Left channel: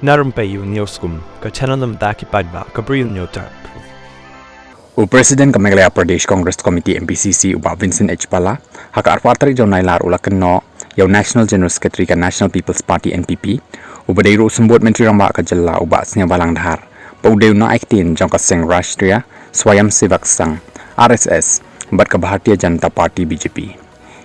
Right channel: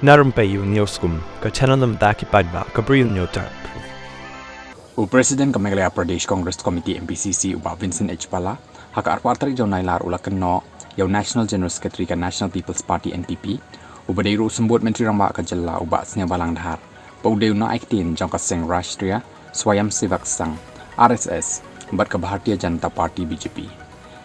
Na Rympei U ka channel ki paidbah ka Bri U Hynñiewtrep. Presiden ka Meghalaya Pradesh Congress Committee MPCC uba Vincent H. Pala haka arpatri jonai lar ula Kynnoh yau National General Secretary ka National People's Party NPP uba deiru sembut Menteri Ramba ka Jalla uba Sniawbha langdhar paudeu Nongaiktien jong ka Seng Rashtriya Swayamsevak Sangh RSS bat ka Bharatiya Janata Party BJP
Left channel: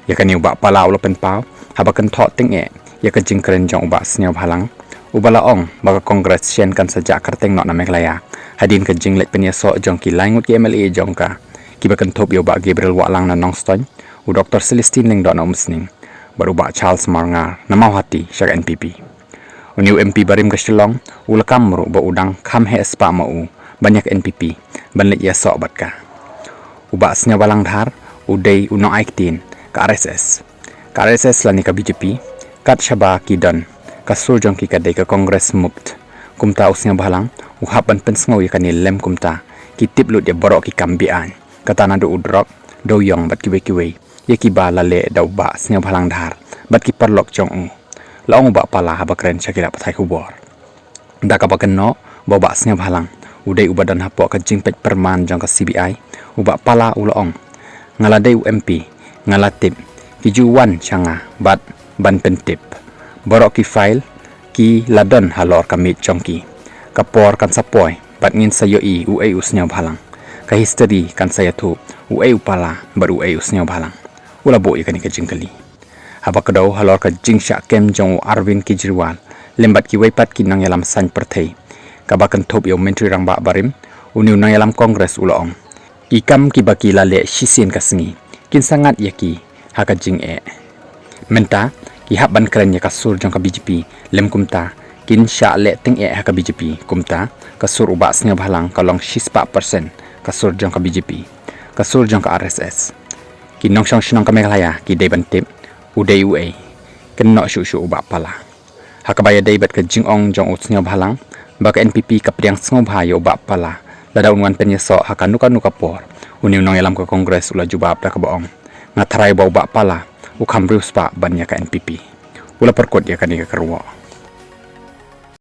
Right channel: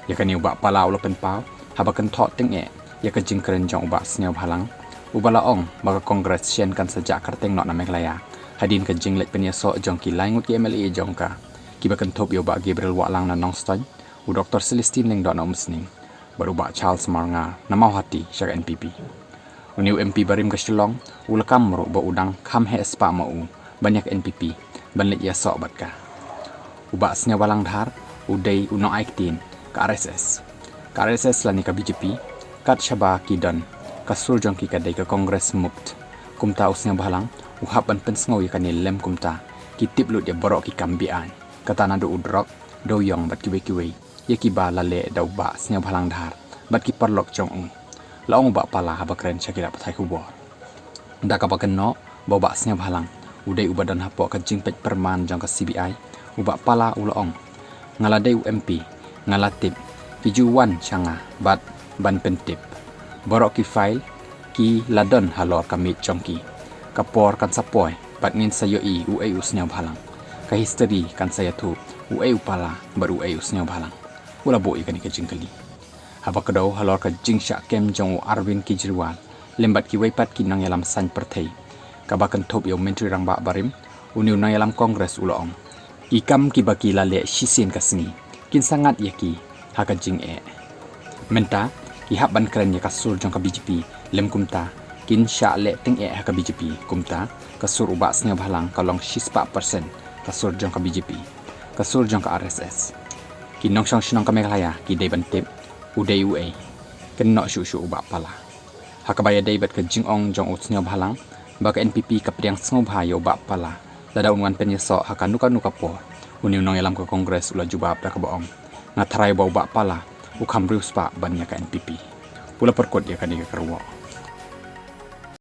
yakani uba Pala ula penpau habakan thok ting yaka jingkren jong uba Sniawbha lang uba laong baga Kongres sien kan sejak kyrteng na Meghalaya hadin ka jinglet penyesok jong ki langut ki MLA jong ka kibakan top yo ba Gabriel Walang na Nongstony u Dr. Celestine Ling na umsning baru ba Charles Marngar na mauhati syak NPP uniu MP barim ka Shillong ulakam ru ba udang kham he spa mau banyak NPP banlet ya sok bat ka uba Sniawbha langdhar udai Nongaiktien ka RSS lani ka BJP kat shaba kidan kasur jong ki kadai ka Kongres mupt kumta Sniawbha lang uhapan pensngau yakani lem kumta kitip lut ya baroh ki kambian katana do udrok do yong bat kiwe yaki ba lale da uba Sniawbha langdhar bat ki perlok jong laong uba Pala habakren syakira pathai kubor da ka bakenno ba Sniawbha lang udai uba dan hapok ka jingpet perman jong ka CBI uba Pala ulaong ngaladai UMP ngalatip ki juwan changa bat ban pentip baroh ki file ki ladon halor kamit jongki kapor kan sapoy bat ngin sayo uai Sniawbha lang ka history kan saya tu uai Pala baru uai Sniawbha lang ula bo ikani ka jingkali haba kado halor ka jingsha kem jong Arvind Kejriwal lembat ki waipat ki nang yalam san perthei ka bakan top yo menteri rangba barim uniu nang yalam Kongres ulaong ikam ki baki lale shisien ka sengi kin sangat yaki haka jing menta ki haban kren ya kasur jong ka BJP lem kumta kin sya le ting haka BJP kumta kasur uba Sniawbha lang kalong 6% kasur jong ka BJP kasur jong ka RSS kin nong shinong ka Meghalaya ki deban tip udai UA Kynnoh shu uba Pala haka baya debat ka jingong jong Sniawbha lang baka NPP ka priang Sniawbha yo uba Pala lada unwan penyesok haka nuka por uniu nong yalam ka Kongres ula jubab da ka boong ngatarai ba uba Pala ukam Riewspah ban ya ka NPP ula perkut ya ka ni ka keruwa